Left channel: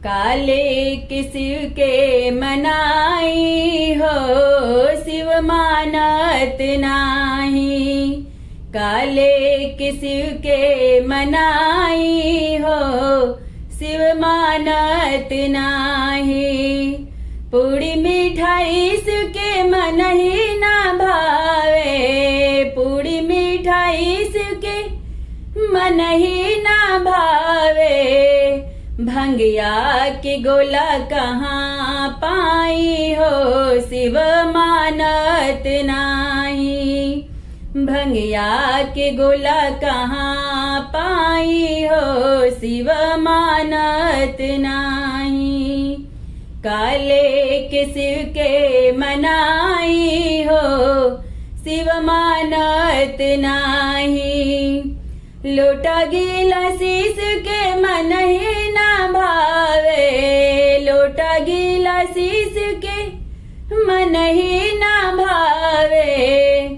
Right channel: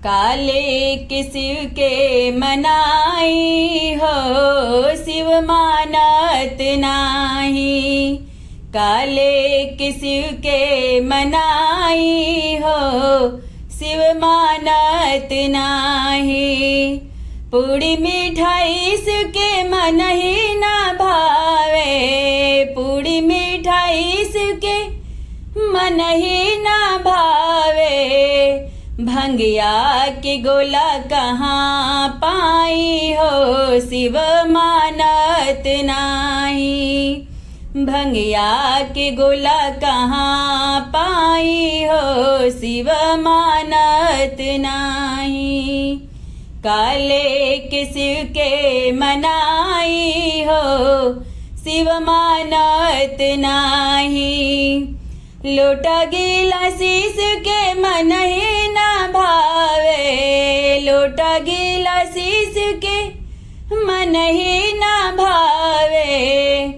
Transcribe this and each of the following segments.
काले किसिव के मनाई हो, शिव मानत नाही। काले किसिव के मनाई हो, शिव मानत नाही। पूड़ी मिठाई शिव के मन ही ना भावे, पूड़ी मिठाई शिव के मन ही ना भावे। भंगिया के गोला कहाँ पाई हो, शिव मानत नाही। भंगिया के गोला कहाँ पाई हो, शिव मानत नाही। काले के शिव के मनाई हो, शिव मानत नाही। लोटा गिला शीश के मन ही ना भावे, लोटा गिला शीश के मन ही ना भावे।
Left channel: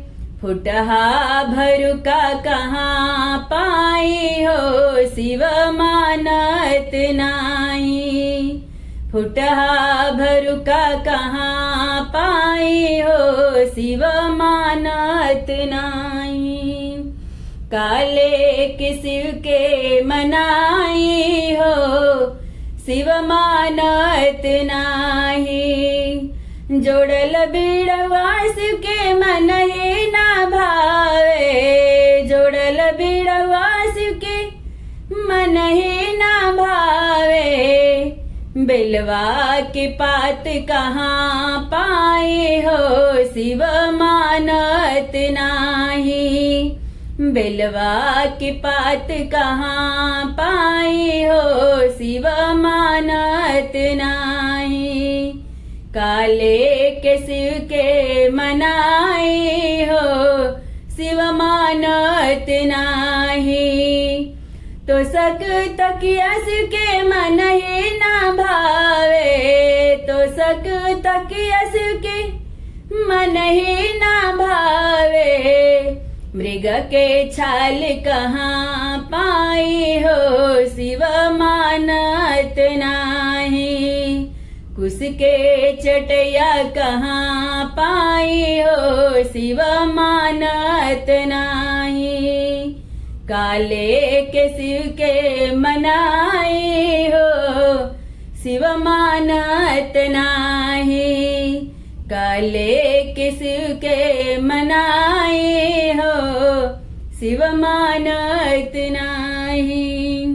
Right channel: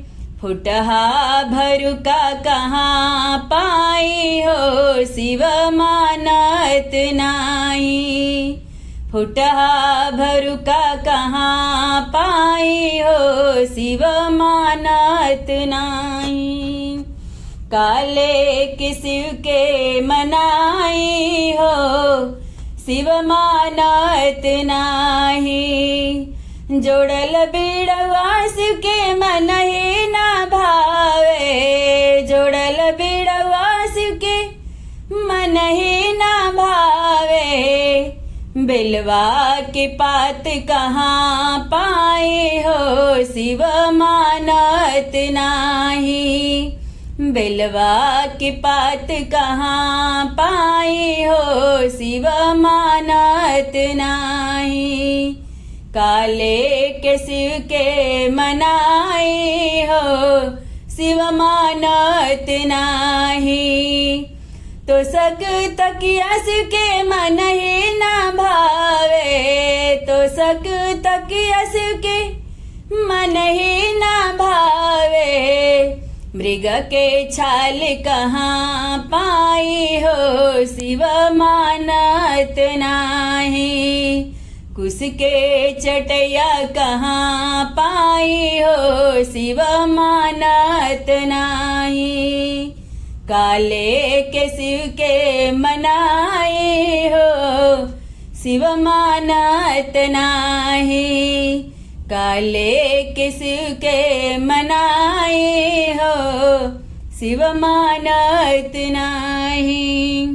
फुटहा भरुका कहाँ पाई हो, शिव मानत नाही। फुटहा भरुका कहाँ पाई हो, शिव मानत नाही। काले के शिव के मनाई हो, शिव मानत नाही। जोड़ल बीड़वा शिव के मन ही ना भावे, जोड़ल बीड़वा शिव के मन ही ना भावे। बेलवा के पात कहाँ पाई हो, शिव मानत नाही। बेलवा के पात कहाँ पाई हो, शिव मानत नाही। काले के शिव के मनाई हो, शिव मानत नाही। तो सक तकिया शिव के मन ही ना भावे, तो सक तकिया शिव के मन ही ना भावे। मृग के छाल कहाँ पाई हो, शिव मानत नाही। कुश के चटैया कहाँ पाई हो, शिव मानत नाही। काले के शिव के मनाई हो, शिव मानत नाही। काले के शिव के मनाई हो, शिव मानत नाही।